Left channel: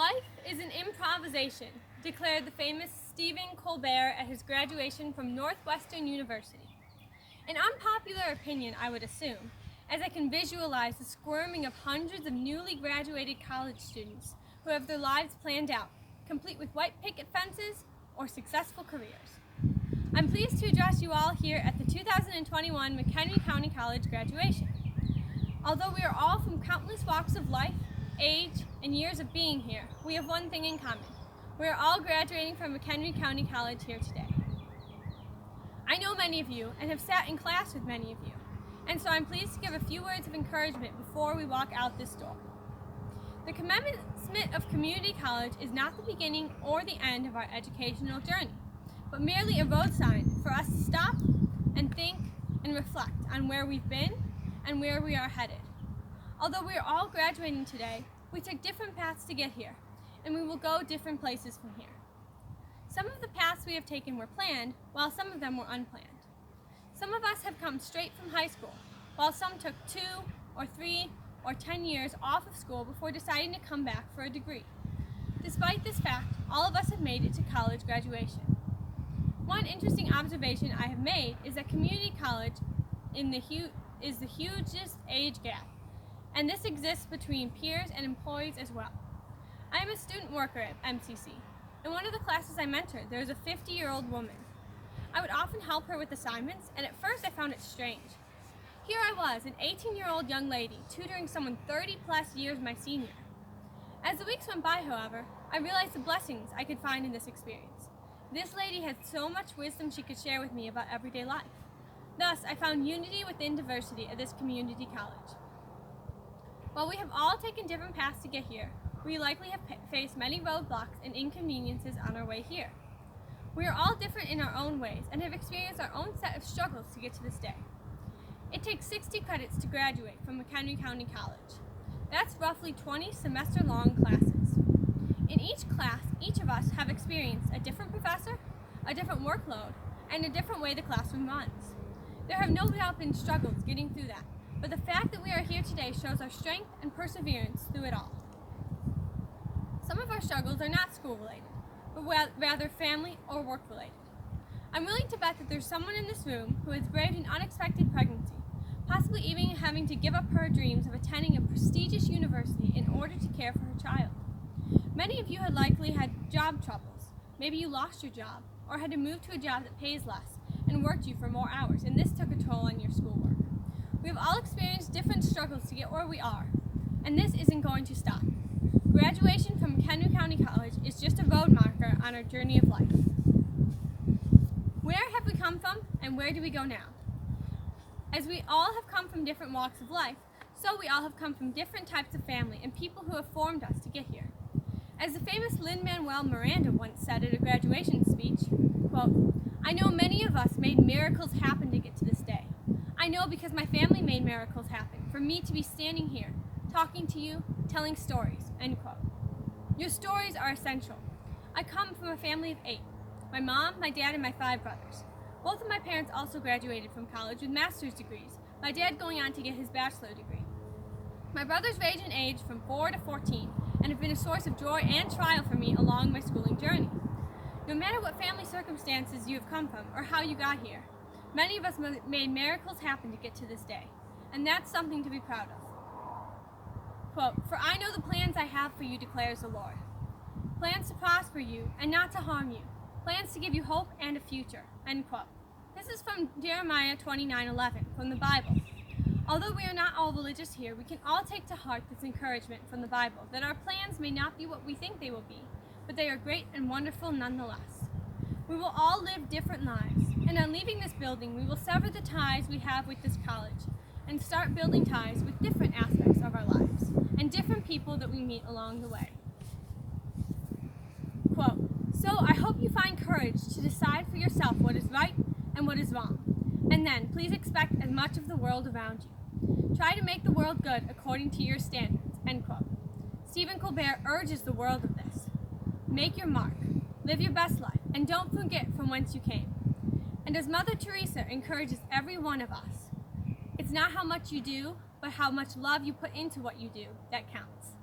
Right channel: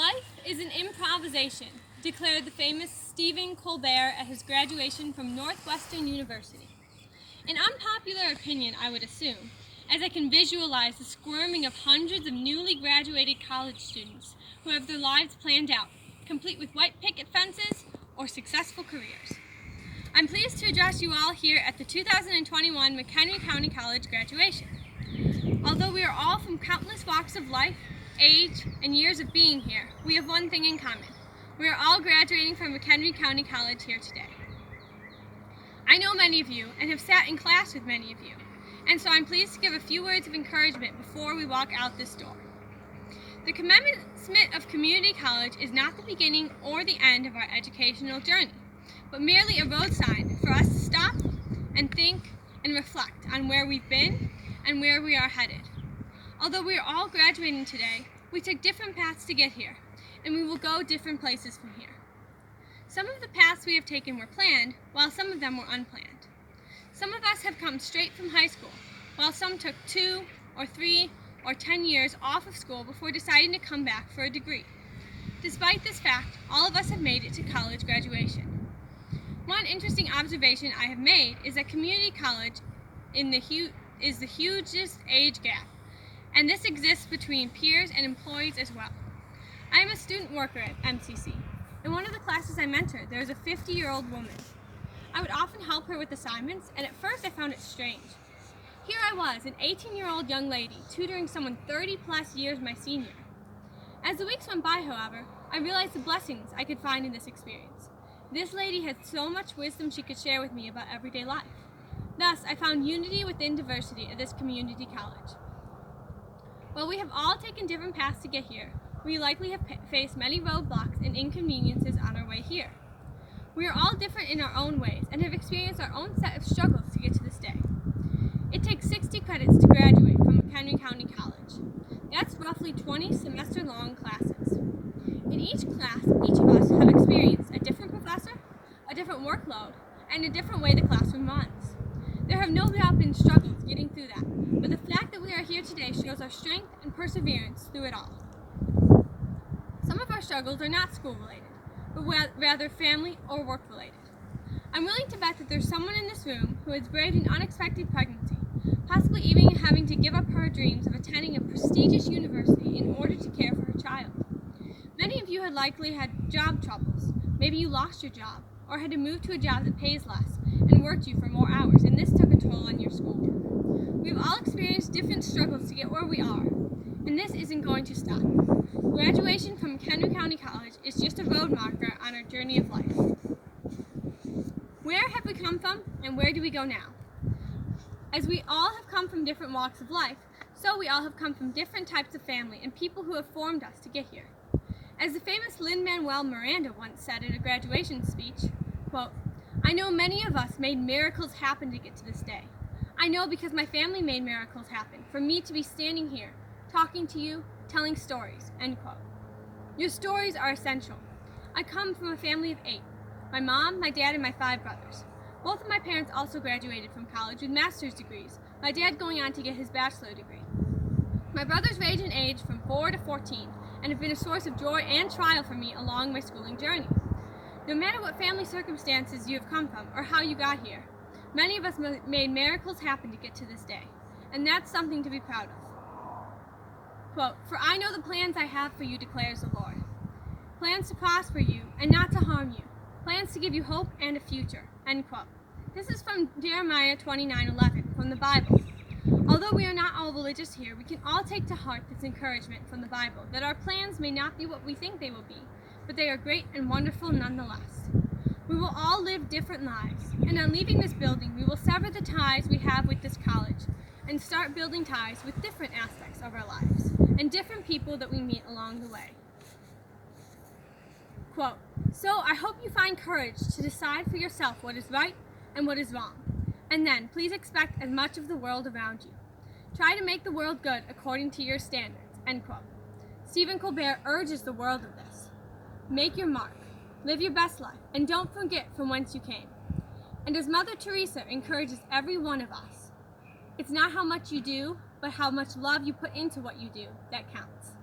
Life is an improvisation, declared the famous Stephen Colbert at his graduation from Northwestern University. An unpopular opinion, I would assume, as I can visualize the squirming of hundreds of newly graduated college students who have their lives planned out, complete with white picket fences or successful careers. I'm pleased to address you all here at the 2021 McHenry County College graduation. Although we are all from countless walks of life, age, and years of being here, we have one thing in common. We are all graduating from McHenry County College here today. I know many of you and have sat in class with many of you, and so I'm pleased to give a few words of encouragement before we walk out this door. The commencement of community college is not the beginning or the end of our educational journey, but merely a road sign for us to stop and think and reflect on where we've been and where we are headed. Although we are all graduating today, we took different paths to get here, and we will go different places from here. Some of the paths we have taken were planned, while some of them were unplanned. Some of us have come straight from high school, while some took 2 or 3 or 10 years off of school before deciding to come back for a degree. Despite this fact, all of us have made it to college graduation. One interesting observation I have made is that community college is the hugest age gap, and this exists between peers and employees as well. I am a student worker at MCC. In one of the classes I mentored, there was a 50-year-old woman. I would often help her with assignments, and at first I found it strange. Here I was, an 18-year-old young lady, tutoring someone 30-plus years my senior. As the weeks went by, however, I realized the blessings I could find in this experience. This lady had so much wisdom she could share with me about everyday life. Thus, I found unity within diversity at this community college. While we have all taken different paths to get here, we likely have faced many roadblocks and inconveniences on our way here. We are all different in our own ways and have experienced our own set of struggles to get to this day. It takes 60 credits to graduate from McHenry County College. That's roughly 20 semester-long classes. In each class, each of us have experienced a different professor, a different workload, and a different way the classroom runs. There have no doubt been struggles getting through that, but the fact that we are here today shows our strength and perseverance through it all. Some of our struggles are not school-related, but rather family or work-related. I'm willing to bet that there's someone in this room who has braved an unexpected pregnancy, possibly even having to give up her dreams of attending a prestigious university in order to care for her child. Many of you had likely had job troubles. Maybe you lost your job, or had to move to a job that pays less and worked you for more hours, and this took a toll on your schoolwork. We've all experienced different struggles to get where we are, and this isn't going to stop. Graduation from McHenry County College is just a road marker on our journey of life. Where have we come from, and where do we go now? As we all have come from different walks of life, so we all have come from different types of family and people who have formed us to get here. As the famous Lin-Manuel Miranda once said at a graduation speech, quote, "I know many of us made miracles happen to get to this day. I know because my family made miracles happen for me to be standing here, talking to you, telling stories," end quote. Your stories are essential. I come from a family of 8. My mom, my dad, and my 5 brothers. Both of my parents also graduated from college with master's degrees, my dad going on to get his bachelor degree. My brothers range in age from 4 to 14 and have been a source of joy and trial for me along my schooling journey. No matter what family circumstances you have come from or how you got here, many of us made miracles happen to get to this day, and that's something to be proud of. Quote, "For I know the plans I have for you, declares the Lord. Plans to prosper you and not to harm you. Plans to give you hope and a future," end quote. This is from Jeremiah 29:11 from the Bible. Although we are not all religious here, we can all take to heart this encouragement from the Bible that our plans may not be what we think they will be, but they are great and wonderful nonetheless. We will all live different lives, and on leaving this building, we will sever the ties we have with this college and start building ties with different aspects of our lives and different people that we meet along the way. Quote, "So I hope you find courage to decide for yourself what is right and what is wrong. And then please expect as much of the world around you. Try to make the world good according to your standards," end quote. Stephen Colbert urges the world of this. Make your mark, live your best life, and don't forget from whence you came. And as Mother Teresa encourages every one of us, it's not how much you do, but how much love you put into what you do that counts.